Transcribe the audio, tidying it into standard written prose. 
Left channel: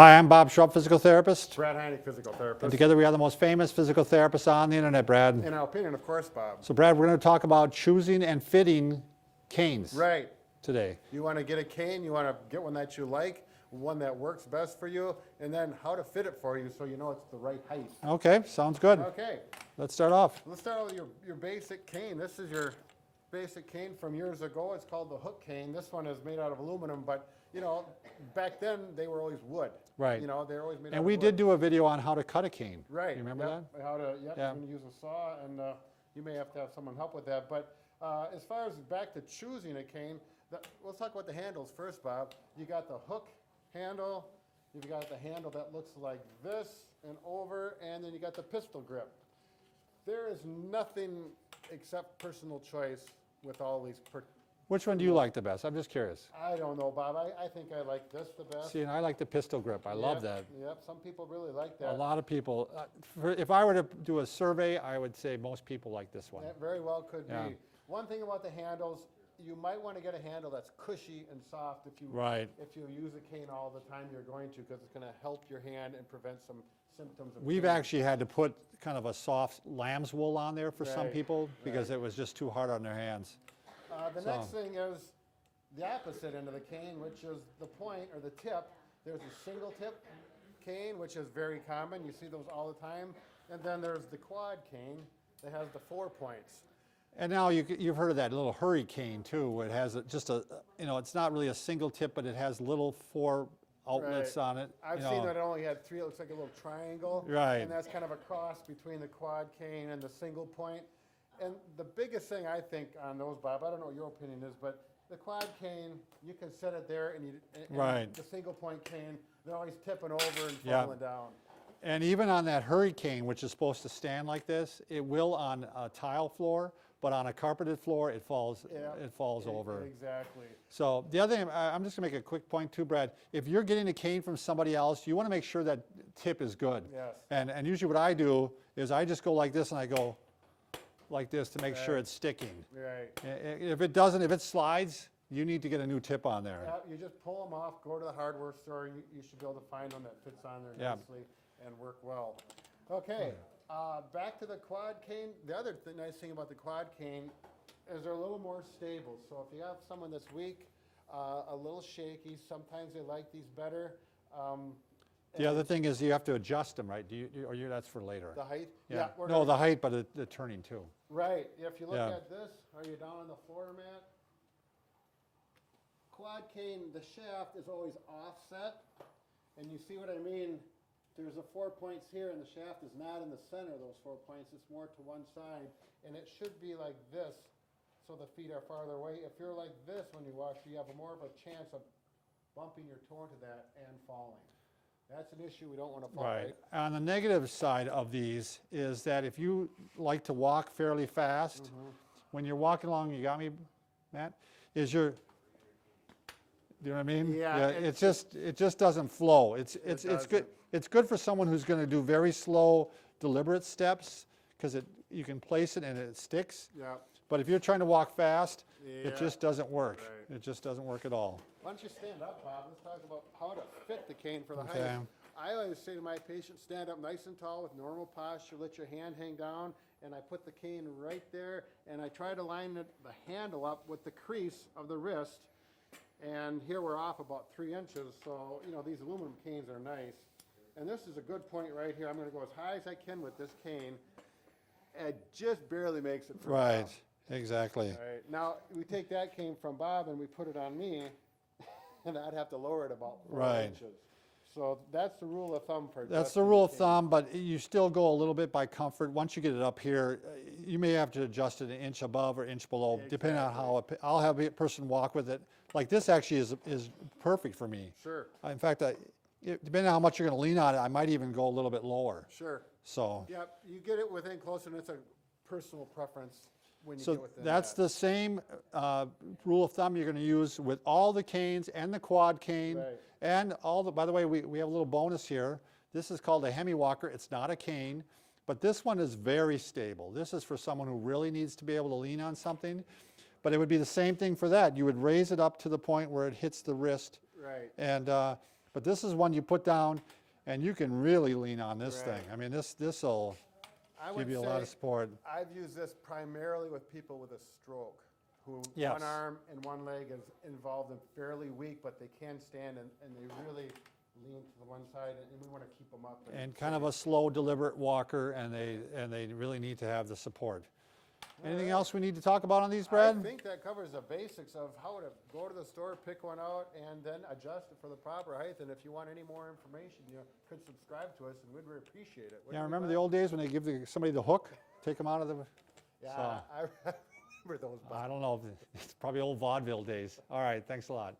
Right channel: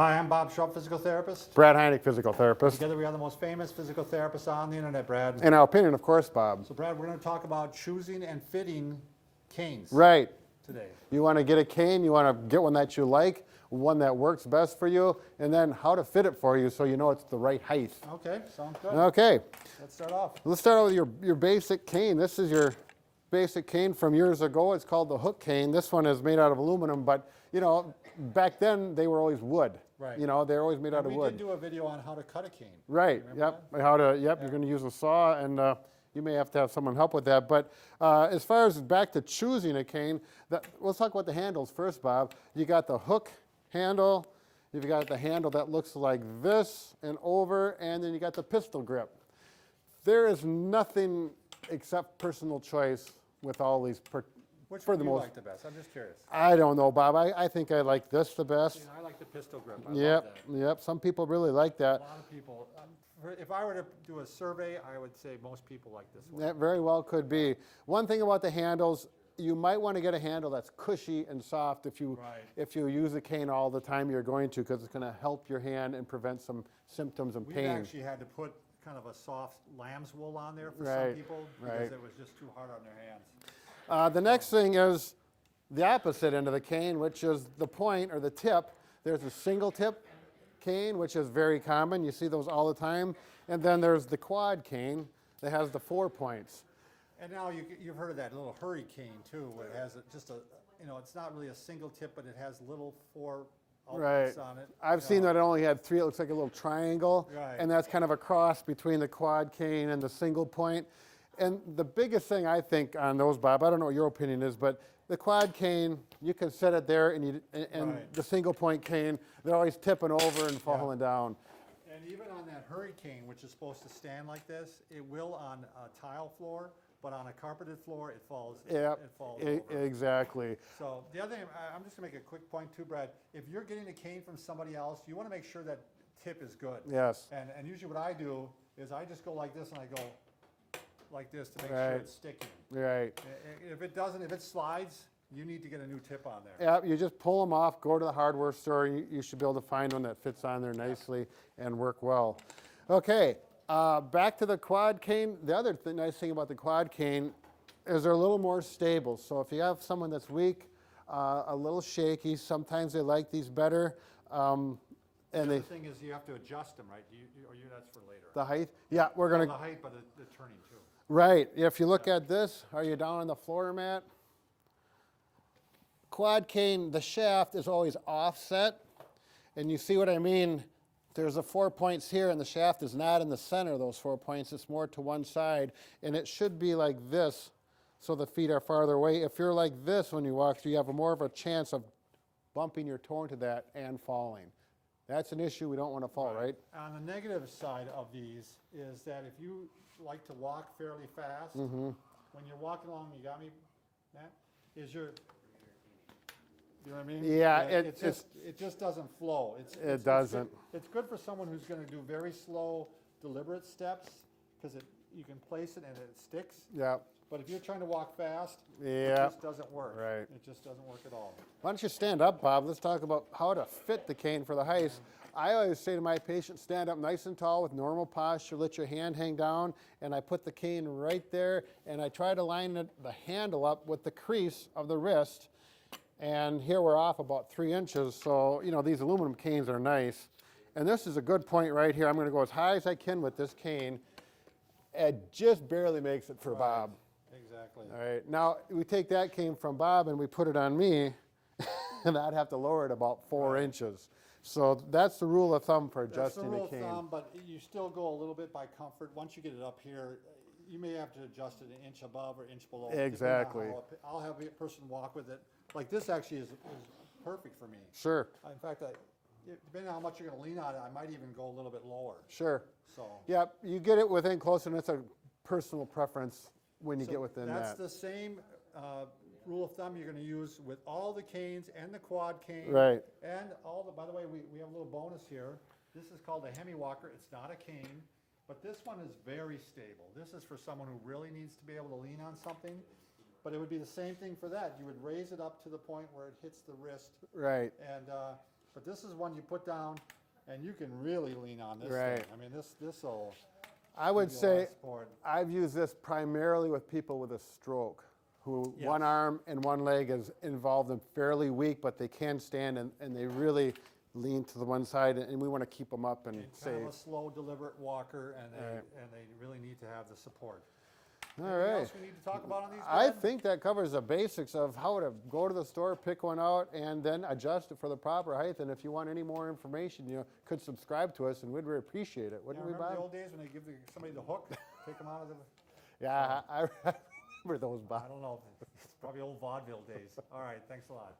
Hi, I'm Bob Schrupp, physical therapist. Brad Heineck, physical therapist. Together we are the most famous physical therapists on the internet, Brad. In our opinion, of course, Bob. So Brad, we're going to talk about choosing and fitting canes Right. today. You want to get a cane, you want to get one that you like, one that works best for you, and then how to fit it for you so you know it's the right height. Okay, sounds good. Okay. Let's start off. Let's start out with your basic cane. This is your basic cane from years ago. It's called the hook cane. This one is made out of aluminum, but you know, back then they were always wood. Right. You know, they're always made out of wood. And we did do a video on how to cut a cane. Right. You remember that? How to? Yep. Yeah. You're going to use a saw, and you may have to have someone help with that. But as far as back to choosing a cane, let's talk about the handles first, Bob. You got the hook handle. You've got the handle that looks like this and over, and then you got the pistol grip. There is nothing except personal choice with all these. Which one do you like the best? I'm just curious. I don't know, Bob. I think I like this the best. See, and I like the pistol grip. I Yep, love that. Yep, some people really like that. A lot of people. If I were to do a survey, I would say most people like this one. That very well could Yeah. be. One thing about the handles, you might want to get a handle that's cushy and soft if you use a cane all the time you're going to, because it's going to help your hand and prevent some symptoms of pain. We've actually had to put kind of a soft lamb's wool on there for some Right, people because right. it was just too hard on their hands. The next thing is the opposite end of the cane, which is the point or the tip. There's a single tip cane, which is very common. You see those all the time. And then there's the quad cane that has the 4 points. And now you've heard of that little hurricane too, where it has just a, it's not really a single tip, but it has little 4 outlets on it. I've seen that it only had 3. It looks like a little triangle. Right. And that's kind of a cross between the quad cane and the single point. And the biggest thing I think on those, Bob, I don't know what your opinion is, but the quad cane, you can set it there, and the single point cane, they're always tipping over and falling down. And even on that hurricane, which is supposed to stand like this, it will on a tile floor, but on a carpeted floor, it falls. It falls over. Exactly. So the other thing, I'm just going to make a quick point too, Brad. If you're getting a cane from somebody else, you want to make sure that tip is good. Yes. And usually what I do is I just go like this, and I go like this to make sure it's sticking. Right. If it doesn't, if it slides, you need to get a new tip on there. Yeah, you just pull them off, go to the hardware store, you should be able to find one that fits on there nicely and work well. Okay, back to the quad cane. The other nice thing about the quad cane is they're a little more stable. So if you have someone that's weak, a little shaky, sometimes they like these better. The other thing is you have to adjust them, right? That's for later. The height? Yeah, we're going to. the height, but the turning too. Right. If you look at this, are you down on the floor mat? Quad cane, the shaft is always offset. And you see what I mean? There's the 4 points here, and the shaft is not in the center of those 4 points. It's more to one side. And it should be like this, so the feet are farther away. If you're like this when you walk through, you have more of a chance of bumping your toe into that and falling. That's an issue we don't want to fall, right? On the negative side of these is that if you like to walk fairly fast, when you're walking along, you got me, Matt? You know what I mean? Yeah. It just doesn't flow. It's good. It's good for someone who's going to do very slow, deliberate steps because you can place it and it sticks. Yeah. But if you're trying to walk fast, it just doesn't work. Right. It just doesn't work at all. Why don't you stand up, Bob? Let's talk about how to fit the cane for the height. I always say to my patients, stand up nice and tall with normal posture, let your hand hang down, and I put the cane right there, and I try to line the handle up with the crease of the wrist. And here we're off about 3 inches, so these aluminum canes are nice. And this is a good point right here. I'm going to go as high as I can with this cane. It just barely makes it for Bob. Exactly. All right. Now, we take that cane from Bob and we put it on me, and I'd have to lower it about 4 inches. So that's the rule of thumb for adjusting. That's the rule of thumb, but you still go a little bit by comfort. Once you get it up here, you may have to adjust it an inch above or inch below, depending on how I'll have a person walk with it. Like this actually is perfect for me. Sure. In fact, depending on how much you're going to lean on it, I might even go a little bit lower. Sure. So. Yep, you get it within close, and it's a personal preference when you get within that's the same rule of thumb you're going to use with all the canes and the quad cane. Right. And by the way, we have a little bonus here. This is called a Hemi-walker. It's not a cane, but this one is very stable. This is for someone who really needs to be able to lean on something. But it would be the same thing for that. You would raise it up to the point where it hits the wrist. Right. And But this is one you put down, and you can really lean on this Right. thing. I mean, this will I would give you a lot say of support. I've used this primarily with people with a stroke, who Yes. one arm and one leg is involved and fairly weak, but they can stand and they really lean to the one side, and we want to keep them up. And kind of a slow, deliberate walker, and they really need to have the support. Anything right. else we need to talk about on these, I Brad? think that covers the basics of how to go to the store, pick one out, and then adjust it for the proper height. And if you want any more information, you could subscribe to us, and we'd really appreciate it. Yeah, remember the old days when they give somebody the hook, take them out of the... Yeah, I remember those. I don't know. It's probably old vaudeville days. All right, thanks a lot.